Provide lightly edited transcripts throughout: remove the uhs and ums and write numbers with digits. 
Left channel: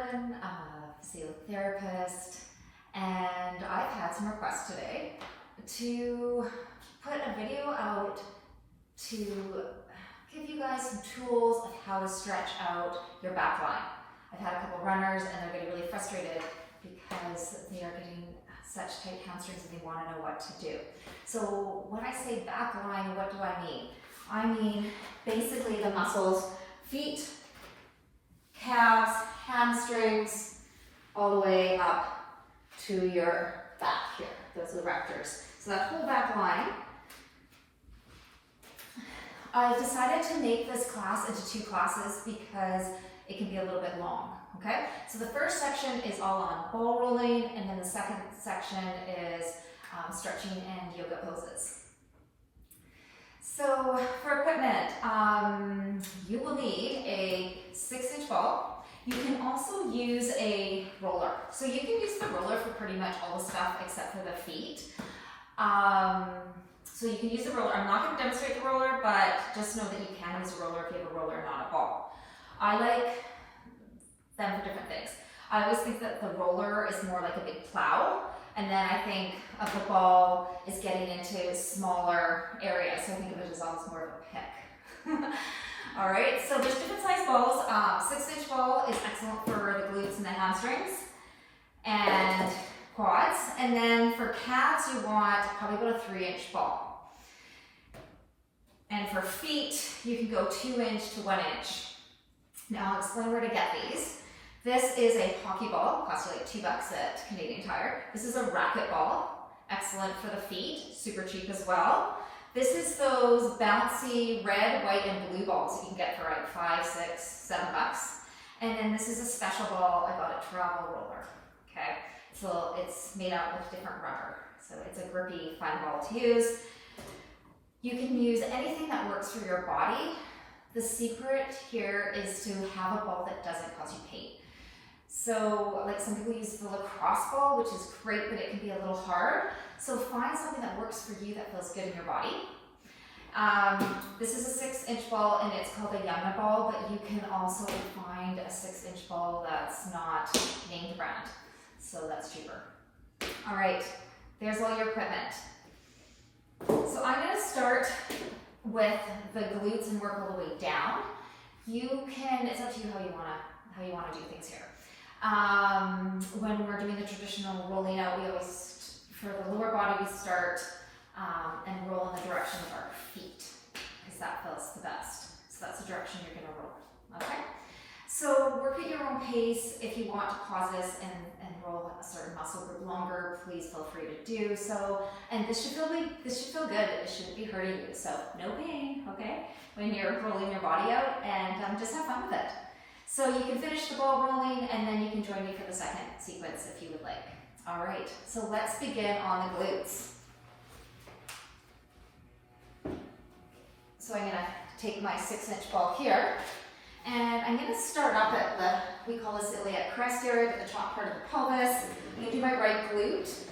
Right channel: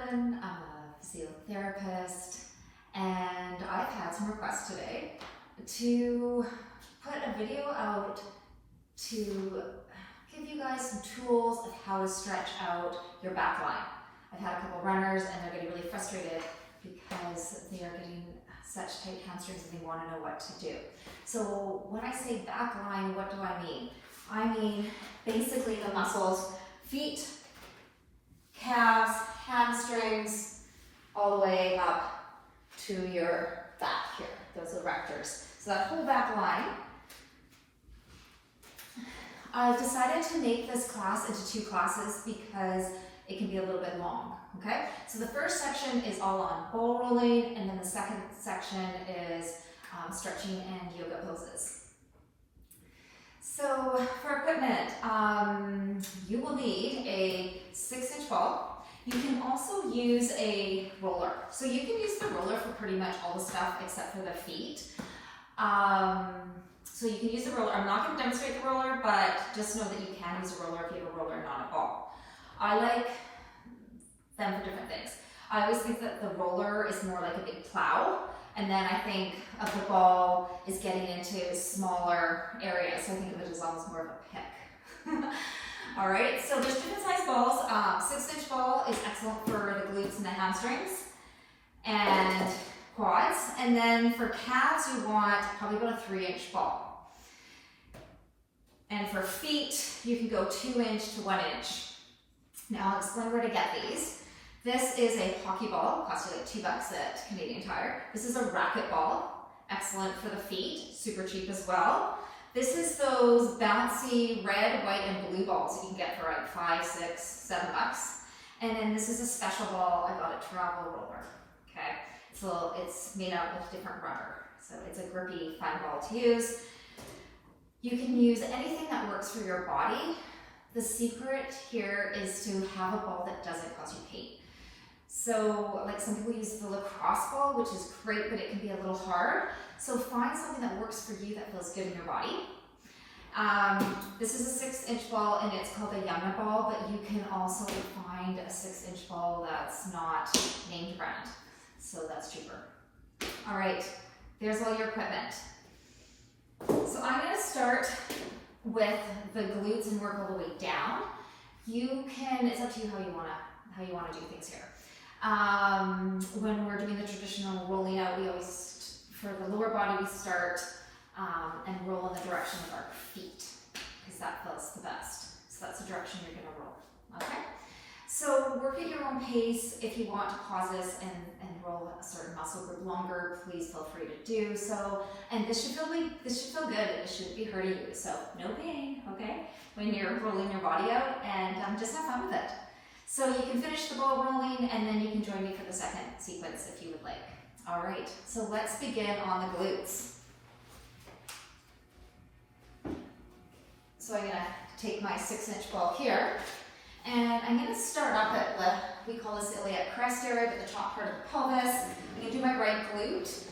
Corbin. I'm a physiotherapist, and I've had some requests today to put a video out to give you guys some tools of how to stretch out your back line. I've had a couple runners and they're getting really frustrated because they are getting such tight hamstrings and they want to know what to do. So when I say back line, what do I mean? I mean basically the muscles, feet, calves, hamstrings, all the way up to your back here, those erectors. So that whole back line. I decided to make this class into 2 classes because it can be a little bit long, okay? So the first section is all on ball rolling, and then the second section is stretching and yoga poses. So for equipment, you will need a 6-inch ball. You can also use a roller. So you can use the roller for pretty much all the stuff except for the feet. So you can use the roller. I'm not going to demonstrate the roller, but just know that you can use a roller if you have a roller and not a ball. I like them for different things. I always think that the roller is more like a big plow, and then I think a football is getting into smaller areas, so I think of it as almost more of a pick. All right, so there's different size balls. 6-inch ball is excellent for the glutes and the hamstrings and quads, and then for calves you want probably about a 3-inch ball. And for feet, you can go 2-inch to 1-inch. Now I'll explain where to get these. This is a hockey ball, costs you like $2 at Canadian Tire. This is a racket ball, excellent for the feet, super cheap as well. This is those bouncy red, white, and blue balls that you can get for like $5, $6, $7. And then this is a special ball I got at Travel Roller, okay? So it's made out with different rubber. So it's a grippy, fine ball to use. You can use anything that works for your body. The secret here is to have a ball that doesn't cause you pain. So like some people use the lacrosse ball, which is great, but it can be a little hard. So find something that works for you that feels good in your body. This is a 6-inch ball and it's called a Yamna ball, but you can also find a 6-inch ball that's not named brand. So that's cheaper. All right, there's all your equipment. So I'm going to start with the glutes and work all the way down. You can, it's up to you how you want to do things here. When we're doing the traditional rolling out, we always, for the lower body, we start and roll in the direction of our feet because that feels the best. So that's the direction you're going to roll. Okay? So work at your own pace. If you want to pause this and roll a certain muscle group longer, please feel free to do so. And this should feel good. It shouldn't be hurting you. So no pain, okay? When you're rolling your body out, and just have fun with it. So you can finish the ball rolling, and then you can join me for the second sequence if you would like. All right. So let's begin on the glutes. So I'm going to take my 6-inch ball here. And I'm going to start up at the, we call this the iliac crest area, but the top part of the pelvis. I'm going to do my right glute.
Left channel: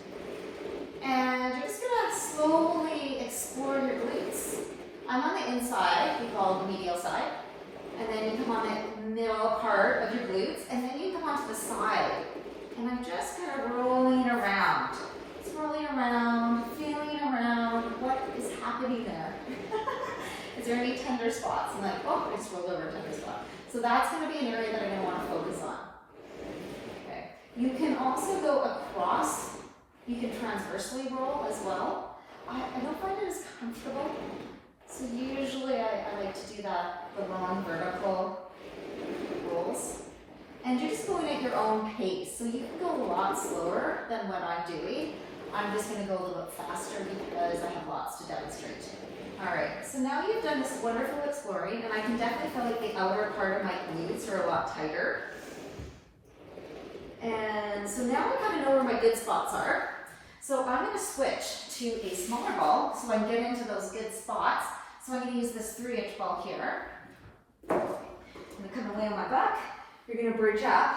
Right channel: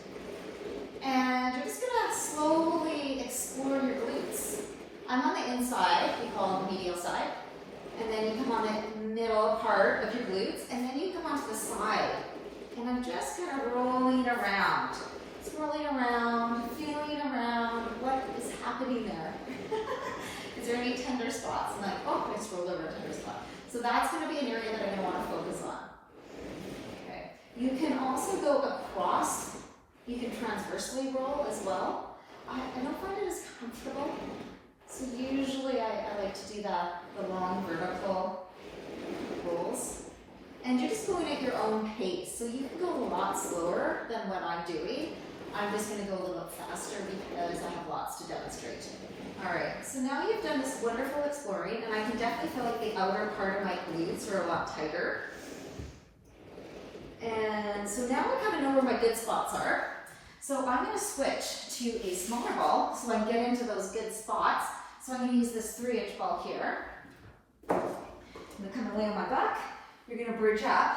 And you're just going to slowly explore your glutes. I'm on the inside, we call it the medial side. And then you come on the middle part of your glutes, and then you come onto the side. And I'm just kind of rolling around. Swirling around, feeling around. What is happening there? Is there any tender spots? I'm like, oh, I swirled over a tender spot. So that's going to be an area that I'm going to want to focus on. Okay. You can also go across. You can transversely roll as well. I don't find it as comfortable. So usually I like to do the long vertical rolls. And you're just going at your own pace. So you can go a lot slower than what I'm doing. I'm just going to go a little bit faster because I have lots to demonstrate. All right, so now you've done this wonderful exploring, and I can definitely feel like the outer part of my glutes are a lot tighter. And so now I kind of know where my good spots are. So I'm going to switch to a smaller ball, so I'm getting into those good spots. So I'm going to use this 3-inch ball here. I'm going to come and lay on my back. You're going to bridge up.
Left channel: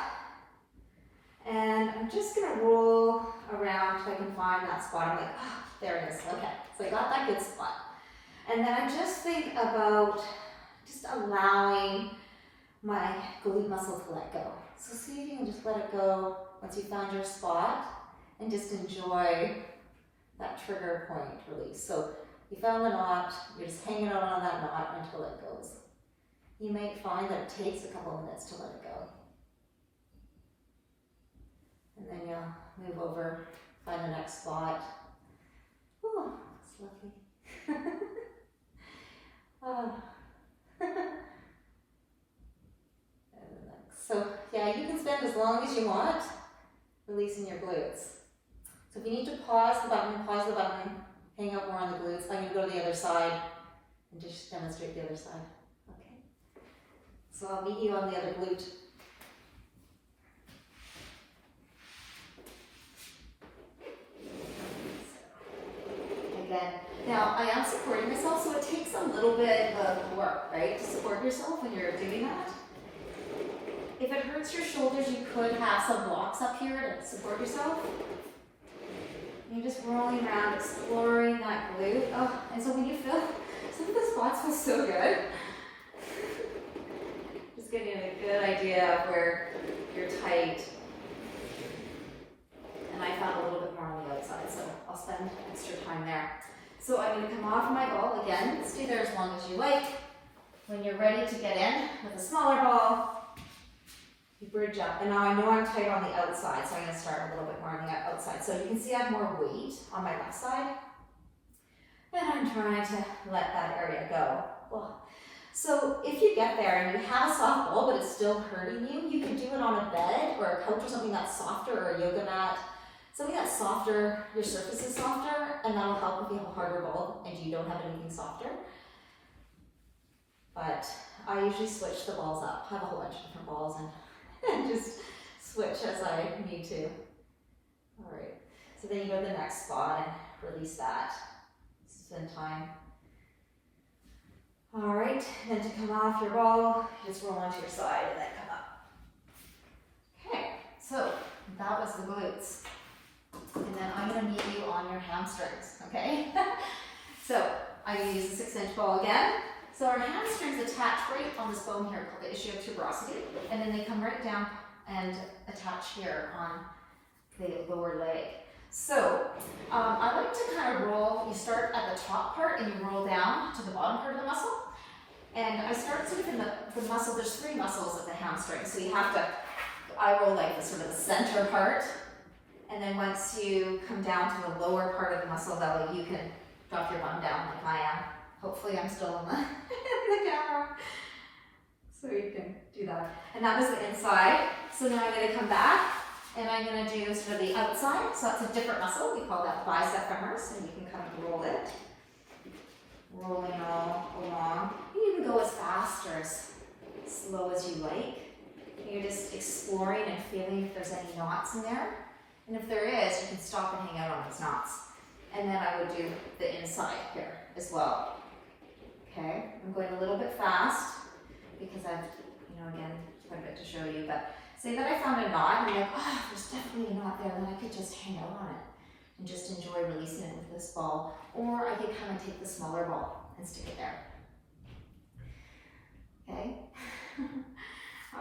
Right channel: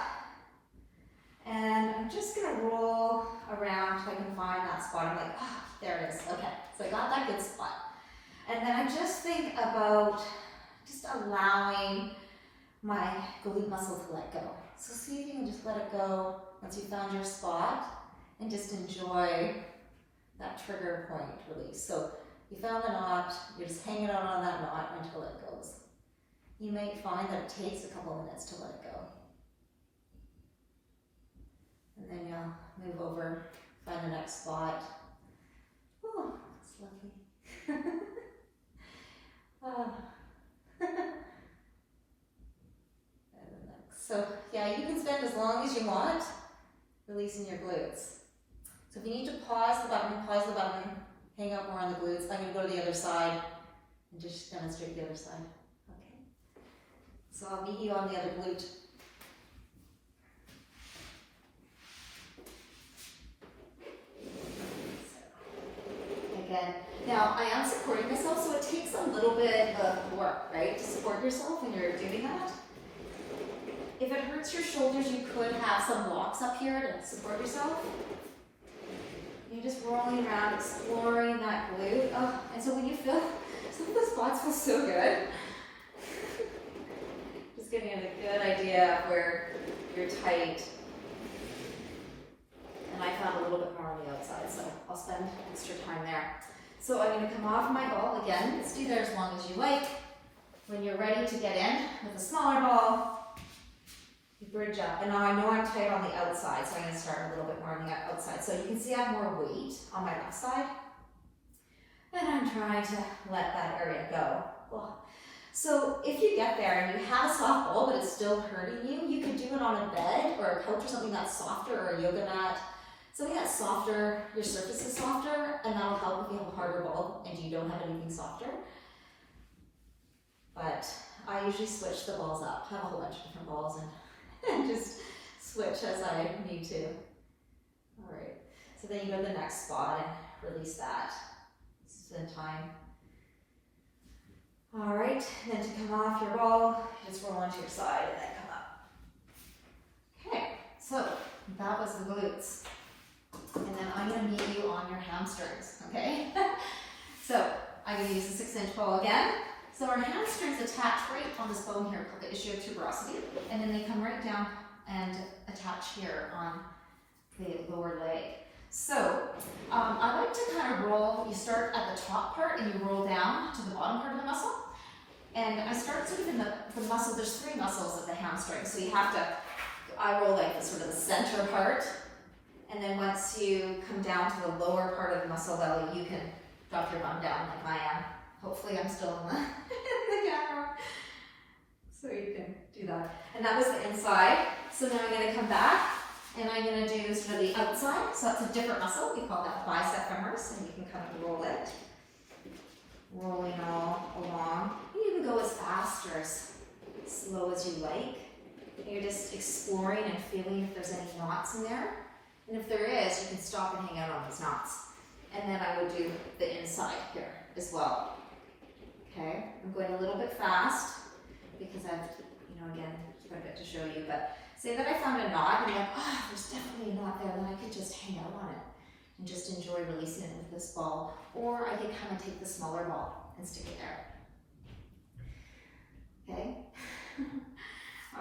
And I'm just going to roll around till I can find that spot. I'm like, oh, there it is. Okay, so I got that good spot. And then I just think about just allowing my glute muscle to let go. So see if you can just let it go once you find your spot and just enjoy that trigger point release. So you found the knot, you're just hanging on that knot until it goes. You may find that it takes a couple of minutes to let it go. And then you'll move over, find the next spot. Ooh, it's lovely. So yeah, you can spend as long as you want releasing your glutes. So if you need to pause the button, hang out more on the glutes. I'm going to go to the other side and just demonstrate the other side. Okay. So I'll meet you on the other glute. Again, now I am supporting myself, so it takes a little bit of work, right, to support yourself when you're doing that. If it hurts your shoulders, you could have some blocks up here to support yourself. You're just rolling around, exploring that glute. Oh, and so when you feel, some of the spots feel so good. Just giving you a good idea of where you're tight. And I found a little bit more on the outside, so I'll spend extra time there. So I'm going to come off my ball again. Stay there as long as you like. When you're ready to get in with a smaller ball, you bridge up. And now I know I'm tight on the outside, so I'm going to start a little bit more on the outside. So you can see I have more weight on my left side. And I'm trying to let that area go. Well, so if you get there and you have a soft ball, but it's still hurting you, you can do it on a bed or a couch or something that's softer, or a yoga mat. Something that's softer, your surface is softer, and that'll help if you have a harder ball and you don't have anything softer. But I usually switch the balls up. I have a whole bunch of different balls and just switch as I need to. All right, so then you go to the next spot and release that. Spend time. All right, then to come off your ball, just roll onto your side and then come up. Okay, so that was the glutes. And then I'm going to meet you on your hamstrings, okay? So I'm going to use the 6-inch ball again. So our hamstrings attach right on this bone here called the issue of tuberosity, and then they come right down and attach here on the lower leg. So I like to kind of roll, you start at the top part and you roll down to the bottom part of the muscle. And I start sort of in the muscle, there's 3 muscles of the hamstring, so you have to, I roll like the sort of the center part. And then once you come down to the lower part of the muscle belly, you can drop your bum down like I am. Hopefully I'm still in the camera. So you can do that. And that was the inside. So now I'm going to come back and I'm going to do sort of the outside. So that's a different muscle. We call that bicep femoris, and you can kind of roll it. Rolling all along. You can go as fast or as slow as you like. You're just exploring and feeling if there's any knots in there. And if there is, you can stop and hang out on those knots. And then I would do the inside here as well. Okay, I'm going a little bit fast because I've, again, quite a bit to show you. But say that I found a knot and you're like, oh, there's definitely a knot there, then I could just hang out on it and just enjoy releasing it with this ball. Or I could kind of take the smaller ball and stick it there. Okay?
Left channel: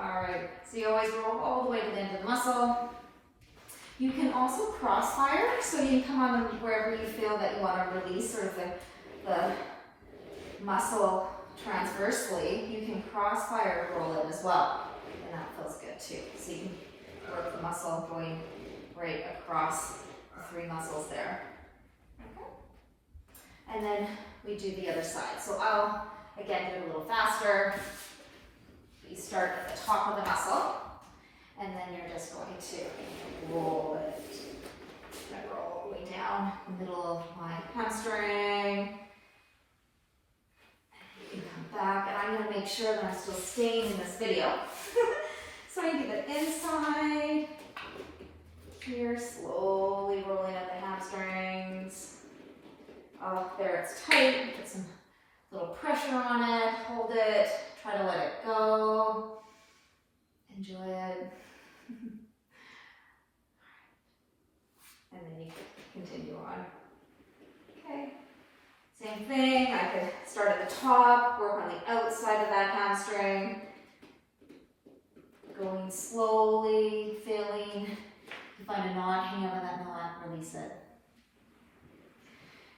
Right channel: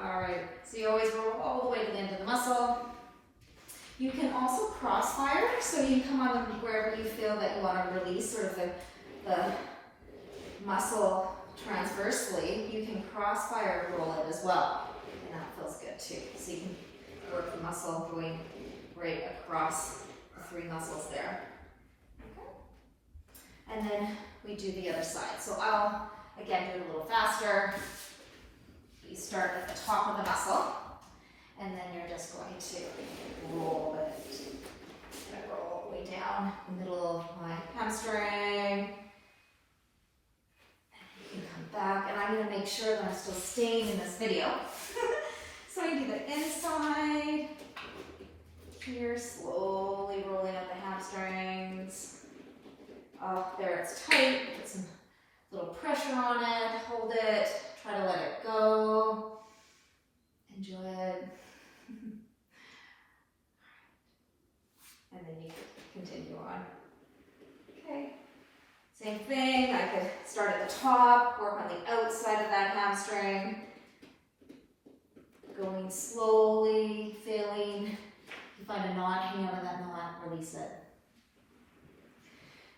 All right, so you always roll all the way to the end of the muscle. You can also crossfire, so you can come on wherever you feel that you want to release sort of the muscle transversely. You can crossfire roll it as well, and that feels good too. So you can work the muscle going right across the 3 muscles there. Okay. And then we do the other side. So I'll, again, do it a little faster. You start at the top of the muscle. And then you're just going to roll it. I roll all the way down the middle of my hamstring. And you can come back, and I'm going to make sure that I'm still staying in this video. So I do the inside. Here, slowly rolling up the hamstrings. Oh, there it's tight. Put some little pressure on it. Hold it. Try to let it go. Enjoy it. And then you continue on. Okay. Same thing. I could start at the top, work on the outside of that hamstring. Going slowly, feeling. You find a knot, hang out on that knot, release it.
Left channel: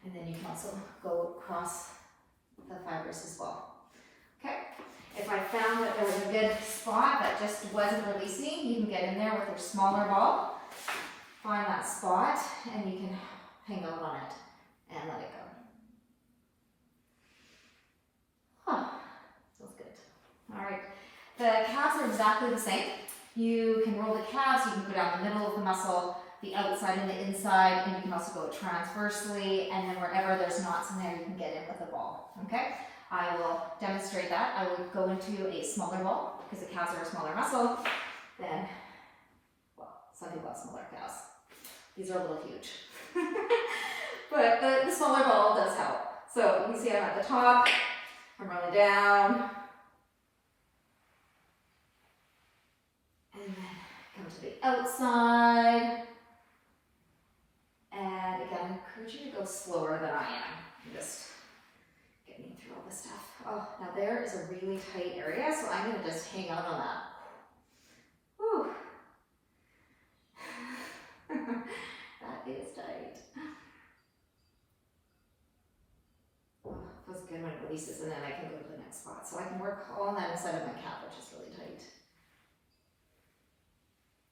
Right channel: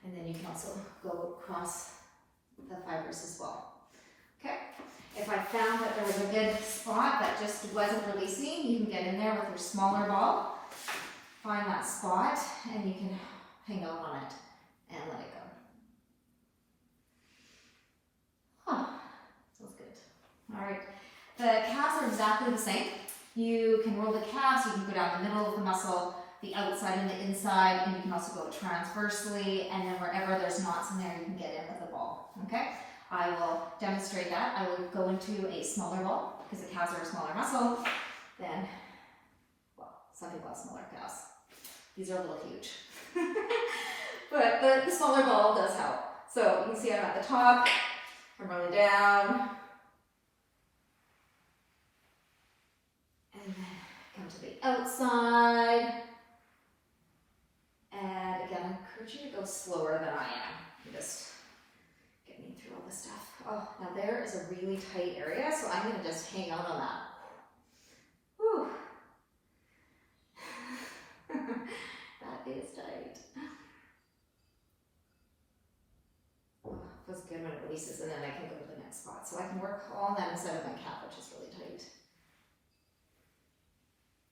And then you can also go across the fibers as well. Okay? If I found that there was a good spot that just wasn't releasing, you can get in there with your smaller ball, find that spot, and you can hang out on it and let it go. Huh. Feels good. All right. The calves are exactly the same. You can roll the calves, you can go down the middle of the muscle, the outside and the inside, and you can also go transversely, and then wherever there's knots in there, you can get in with the ball, okay? I will demonstrate that. I will go into a smaller ball, because the calves are a smaller muscle than, well, some people have smaller calves. These are a little huge. But the smaller ball does help. So you can see I'm at the top, I'm rolling down, and then come to the outside. And again, I encourage you to go slower than I am. Just get me through all this stuff. Oh, now there is a really tight area, so I'm going to just hang out on that. Whew. That is tight. Oh, feels good when it releases, and then I can go to the next spot. So I can work all that inside of my calf, which is really tight.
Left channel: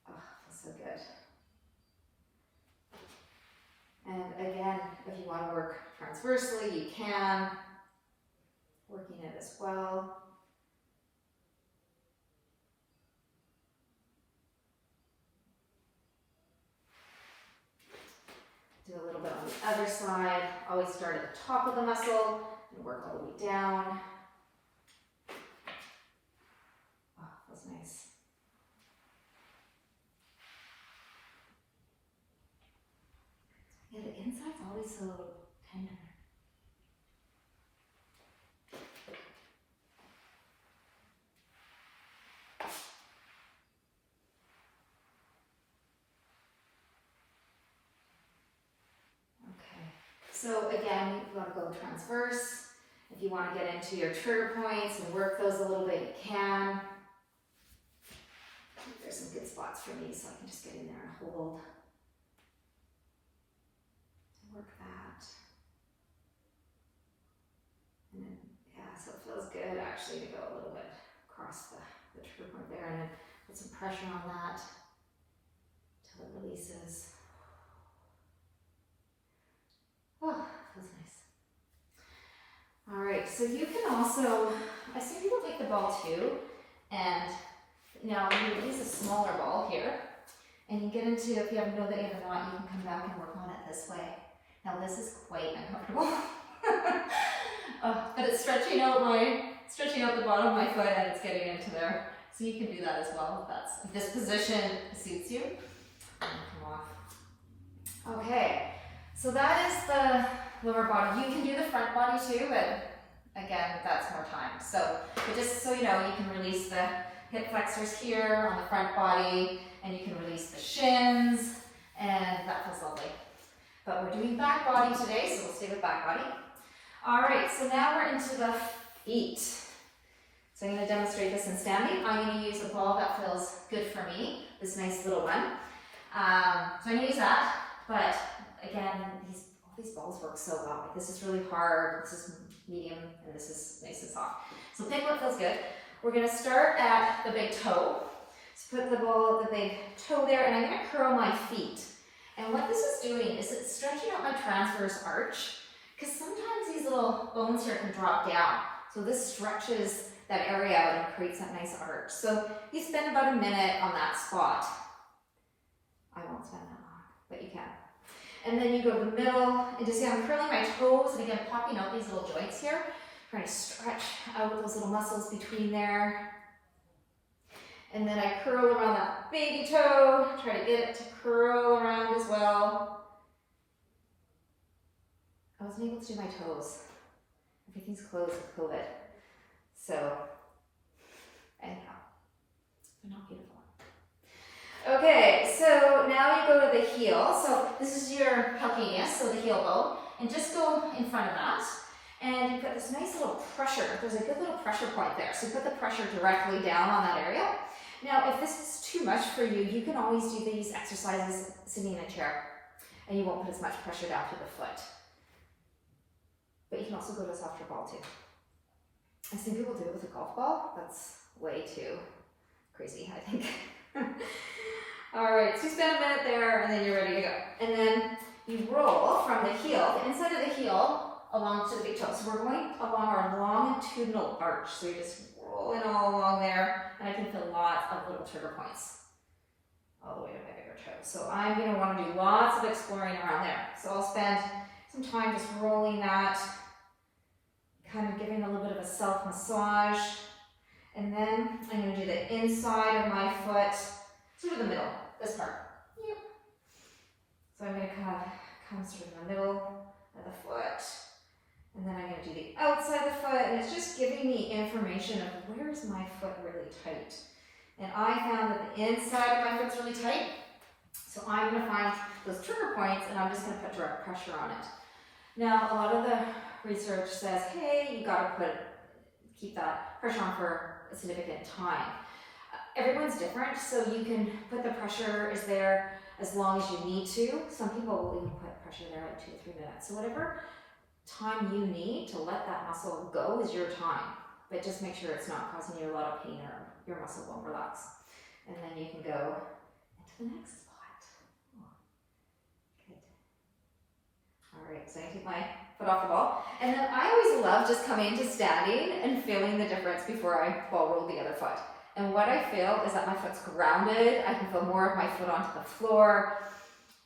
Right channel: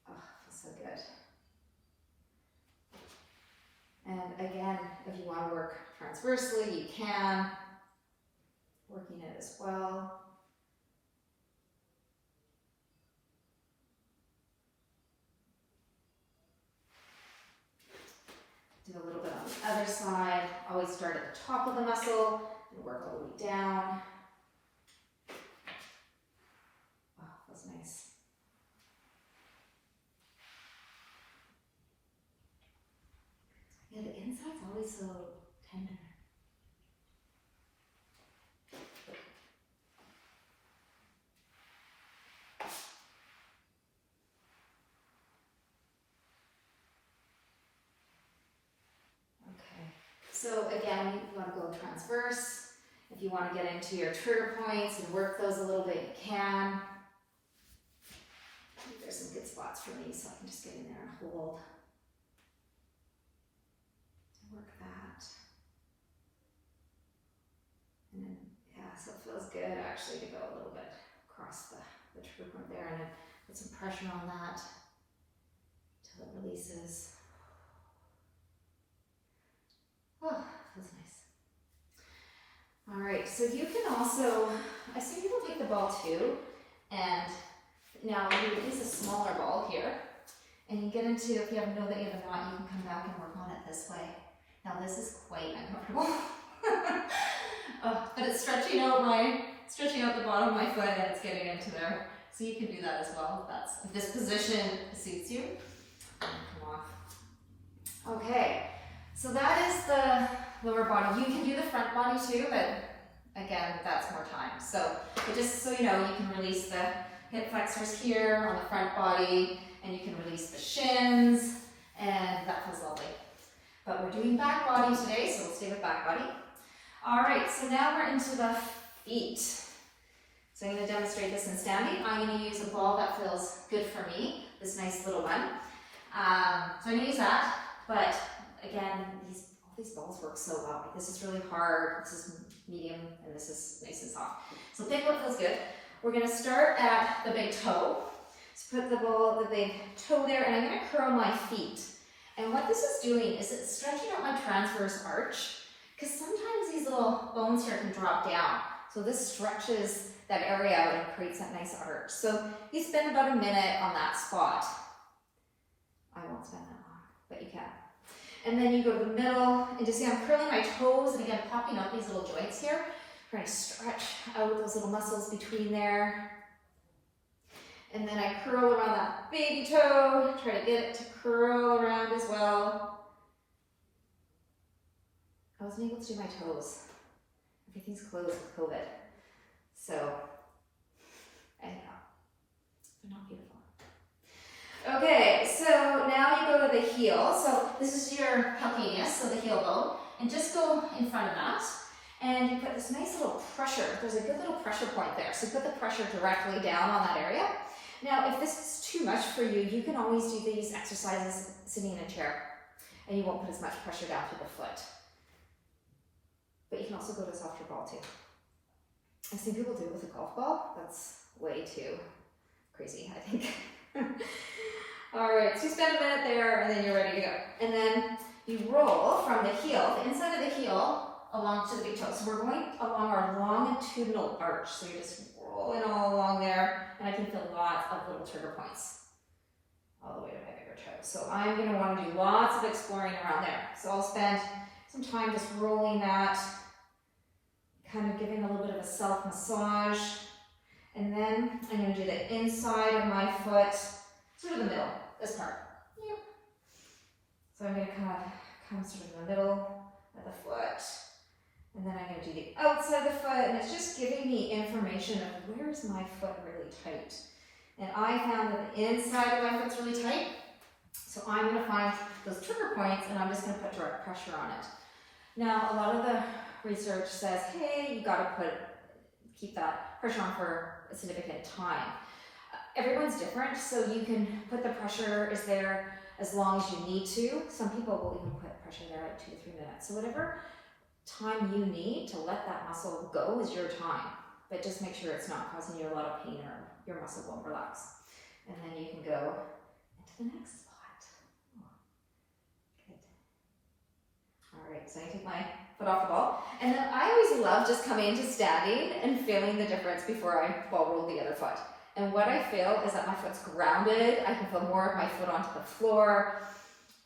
Oh, feels so good. And again, if you want to work transversely, you can. Working it as well. Do a little bit on the other side. Always start at the top of the muscle and work all the way down. Oh, that's nice. Yeah, the inside's always so tender. So again, you want to go transverse. If you want to get into your trigger points and work those a little bit, you can. There's some good spots for me, so I can just get in there and hold. Work that. And then, yeah, so it feels good actually to go a little bit across the trigger point there and put some pressure on that until it releases. Oh, that's nice. All right, so you can also, I've seen people take the ball too, and now you would use a smaller ball here, and you get into, if you know that you have a knot, you can come back and work on it this way. Now this is quite uncomfortable, but it's stretching out the bottom of my foot, and it's getting into there. So you can do that as well if this position suits you. Come off. Okay. So that is the lower body. You can do the front body too, but again, that's more time. So just so you know, you can release the hip flexors here on the front body, and you can release the shins, and that feels lovely. But we're doing back body today, so we'll stay with back body. All right, so now we're into the feet. So I'm going to demonstrate this in standing. I'm going to use a ball that feels good for me, this nice little one. So I'm going to use that, but again, all these balls work so well. Like, this is really hard, this is medium, and this is nice and soft. So pick what feels good. We're going to start at the big toe. So put the big toe there, and I'm going to curl my feet. And what this is doing is it's stretching out my transverse arch, because sometimes these little bones here can drop down. So this stretches that area out and creates that nice arch. So you spend about a minute on that spot. I won't spend that long, but you can. And then you go to the middle, and just see I'm curling my toes, and again, popping out these little joints here, trying to stretch out those little muscles between there. And then I curl around that baby toe, try to get it to curl around as well. I wasn't able to do my toes. Everything's closed with COVID. So, anyhow, they're not beautiful. Okay, so now you go to the heel. So this is your calcaneus, so the heel bone. And just go in front of that. And you put this nice little pressure. There's a good little pressure point there. So you put the pressure directly down on that area. Now, if this is too much for you, you can always do these exercises sitting in a chair, and you won't put as much pressure down through the foot. But you can also go to a softer ball too. I've seen people do it with a golf ball. That's way too crazy, I think. All right, so you spend a minute there, and then you're ready to go. And then you roll from the heel, the inside of the heel, along to the big toe. So we're going along our longitudinal arch. So you're just rolling all along there, and I can feel lots of little trigger points all the way to my bigger toe. So I'm going to want to do lots of exploring around there. So I'll spend some time just rolling that, kind of giving a little bit of a self massage. And then I'm going to do the inside of my foot, sort of the middle, this part. Yep. So I'm going to kind of come sort of in the middle of the foot. And then I'm going to do the outside of the foot, and it's just giving me information of where is my foot really tight. And I found that the inside of my foot's really tight, so I'm going to find those trigger points, and I'm just going to put direct pressure on it. Now, a lot of the research says, hey, you got to keep that pressure on for a significant time. Everyone's different, so you can put the pressure is there as long as you need to. Some people will even put pressure there at 2 to 3 minutes. So whatever time you need to let that muscle go is your time, but just make sure it's not causing you a lot of pain or your muscle won't relax. And then you can go into the next spot. Oh, good. All right, so I take my foot off the ball, and then I always love just coming into standing and feeling the difference before I ball roll the other foot. And what I feel is that my foot's grounded. I can feel more of my foot onto the floor,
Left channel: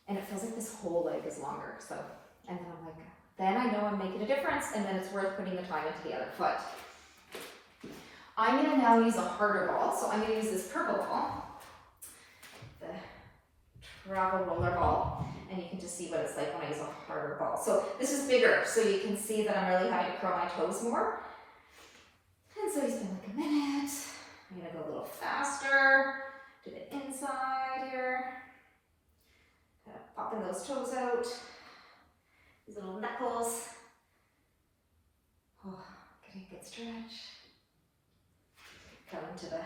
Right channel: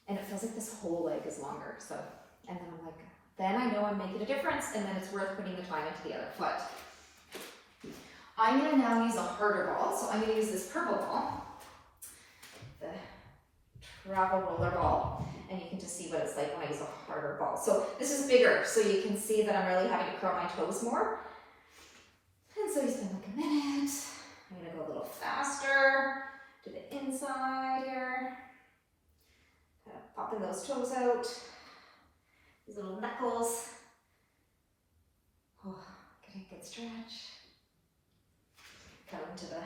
and it feels like this whole leg is longer. So, and then I'm like, then I know I'm making a difference, and then it's worth putting the time into the other foot. I'm going to now use a harder ball, so I'm going to use this purple ball, the travel roller ball, and you can just see what it's like when I use a harder ball. So this is bigger, so you can see that I'm really having to curl my toes more. And so you spend like a minute. I'm going to go a little faster, do the inside here, kind of popping those toes out. These little knuckles. Oh, getting a good stretch. Coming to the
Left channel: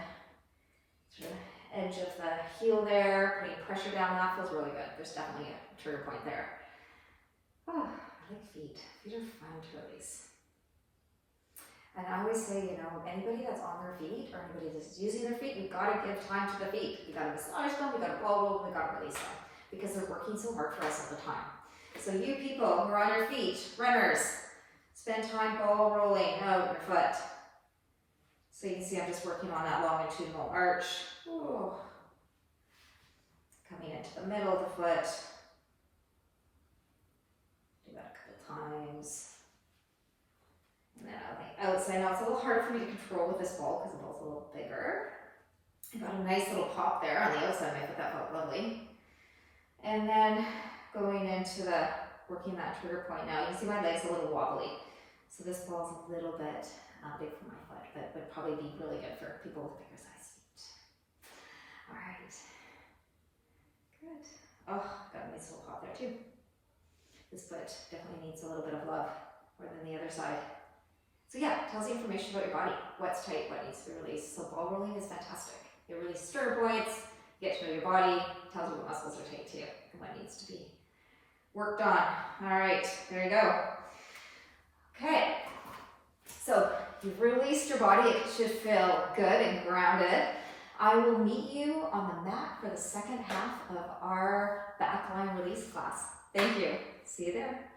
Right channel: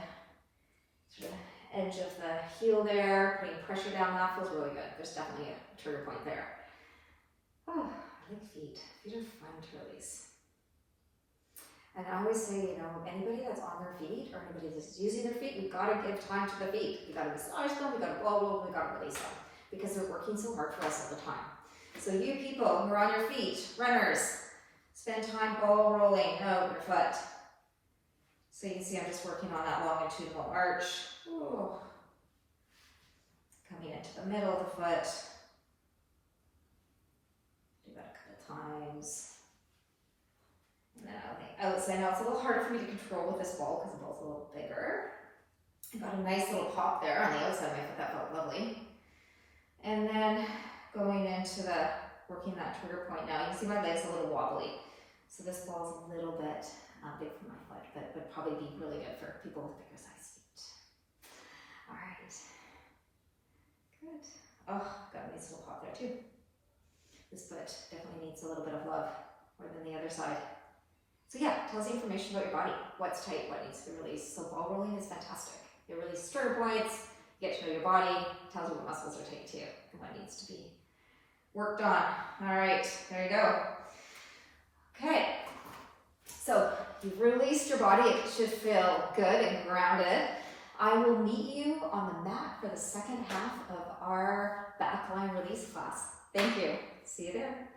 sort of edge of the heel there, putting pressure down. That feels really good. There's definitely a trigger point there. Oh, I like feet. Feet are fun to release. And I always say, you know, anybody that's on their feet or anybody that's using their feet, we've got to give time to the feet. We've got to massage them, we've got to blow roll, we've got to release them because they're working so hard for us all the time. So you people who are on your feet, runners, spend time ball rolling out your foot. So you can see I'm just working on that longitudinal arch. Ooh. Coming into the middle of the foot. Do that a couple times. And then on the outside, now it's a little harder for me to control with this ball because the ball's a little bigger. I got a nice little pop there on the outside of my foot, that felt lovely. And then going into the, working that trigger point now, you can see my leg's a little wobbly. So this ball's a little bit big for my foot, but would probably be really good for people with bigger size feet. All right. Good. Oh, got a nice little pop there too. This foot definitely needs a little bit of love more than the other side. So yeah, tells you information about your body, what's tight, what needs to be released. So ball rolling is fantastic. It releases trigger points, you get to know your body, tells you what muscles are tight too, and what needs to be worked on. All right, there you go. Okay, so you've released your body. It should feel good and grounded. I will meet you on the mat for the second half of our backline release class. Thank you. See you there.